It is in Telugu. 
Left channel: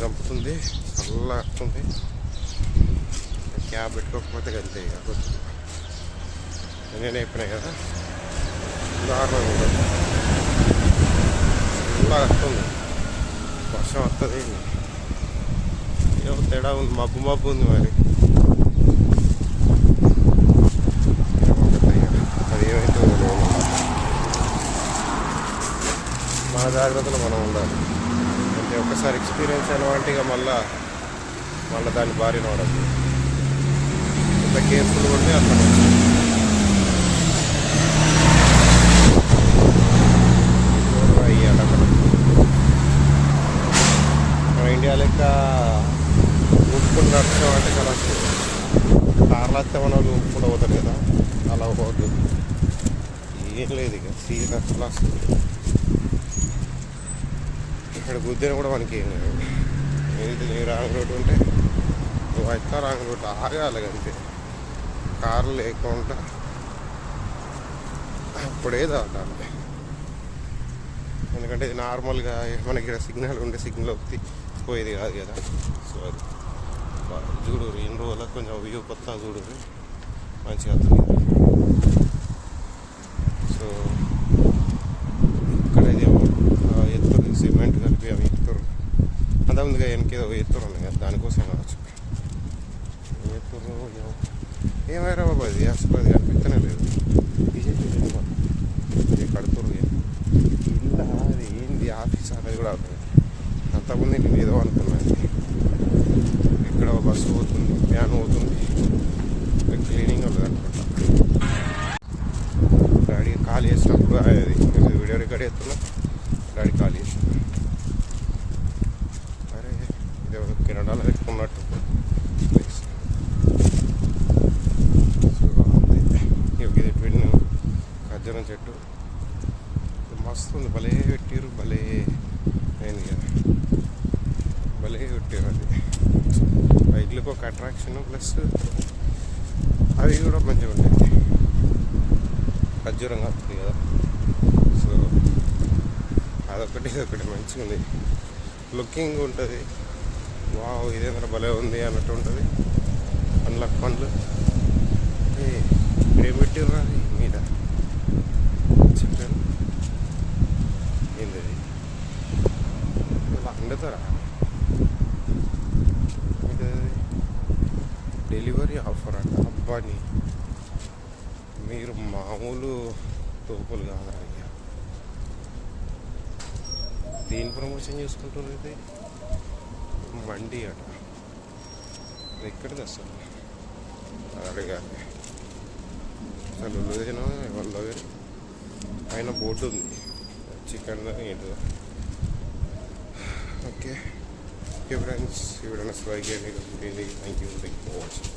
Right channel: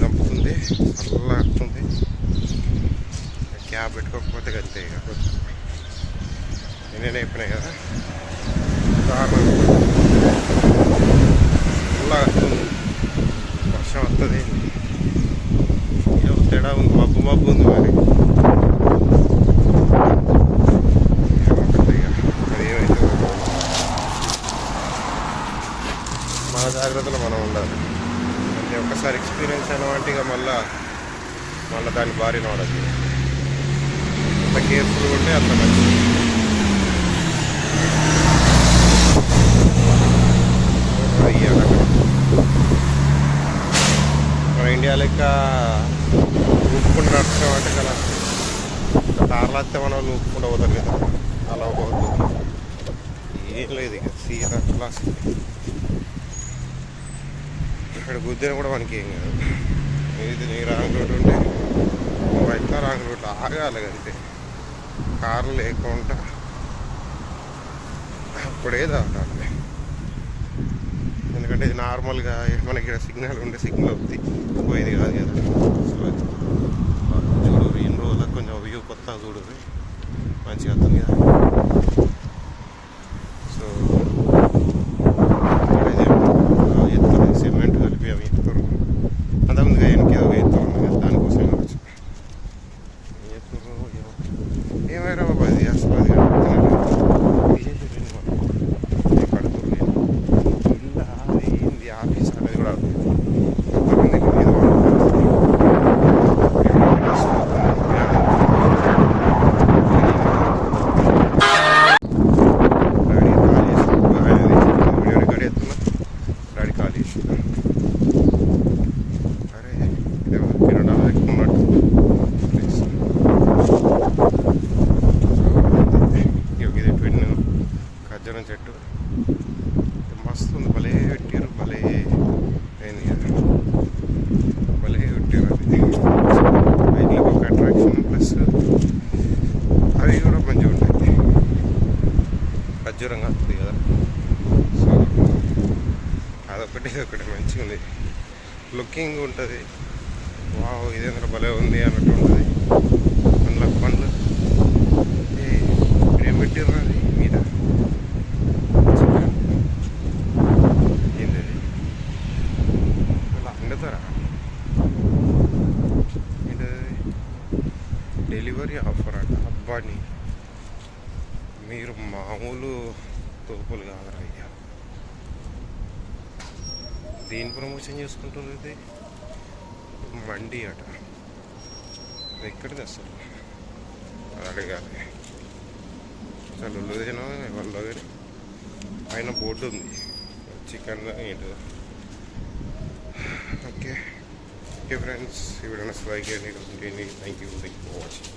చల్ల వస్తుంది క్యాబ్ పెట్టుకోకపోతే అంతే ఇక. నేనే అయిపోయినాయి కదా. దారుణంగా ఉంటుంది చల్ల వస్తుంది వర్షం వస్తుంది ఏదో తేడా ఉంది. మబ్బు మబ్బు ఉంది మరి. ఏమొకటి మన జాగ్రత్తలో మనం ఉండాలి. ఇది ఒకసారి ఎక్స్పీరియన్స్ అయినవంటే ఇక మళ్ళా మళ్ళీ దాని భారీ పడద్దు. ఎంత కేర్ఫుల్గా ఉంటే అంత మంచిది. చూడరా మన ఇండియా లెక్క ఊపుకుంటూ నడుస్తామంటే చాలా కార్లు వస్తే మన వాళ్ళు ఊపుకుంటూ పోతారు కదా. అలా పోవద్దు. ఏం లేదు ఇక. తీరా క్లాస్ ఇక్కడ గుద్దిన కూడా మనకి ఏం కాదు. ఇది నీ రాంగ్ రూట్ ఉంటే నువ్వు రాంగ్ రూట్? ఆగాలి అంతే. కార్లు లేకుండా అప్పుడే దాటాలి. ఎందుకంటే ఇది నార్మల్గా మనకి సిగ్నల్ ఉండే సిగ్నల్ వద్ది. పోయేది కాదు కదా. సో అది చూడు ఇన్ని రోజులకు కొంచెం వ్యూ కొత్తగా చూడు మంచిగా వస్తుంది కదా. So quedó bien, no tan me para el para el para tener me. No a చెట్టు మస్తు ఉంది. భలే పెట్టారు భలే అయింది కదా. భలే పెట్టారు అది. బైక్లకు ఒక అట్రాక్షన్ ప్లస్ అవి కూడా మంచిగా ఉంటాయి. ఖర్జూరంగా వస్తుంది కదా. సో అదొకటి ఇదొకటి మంచిగా ఉంది. లుకింగ్ ఉంటుంది. వావ్ ఇదేంద్ర భలే ఉంది అన్నట్టు ఉంటుంది. పండ్ల పండ్లు ఏ ఏం పెట్టిర్రు అది మీద చికెన్ ఏంది అది? ఇలా ఇది డెలివరీ ఆఫర్ అంట. అబ్బాని మీరు మామూలు తోపులు కాదురా అయ్యా. దేని ప్రమోషన్ చేసుకుంటున్నారు ఇది? మండి అట. ఎక్కడిది అసలు అది అడగాలి అసలు తిన వాళ్ళ పైన బోర్డు ఉంది. చికెన్ ఏంటో take. Dear friends, if you don't subscribe, thank you, thank you for watching.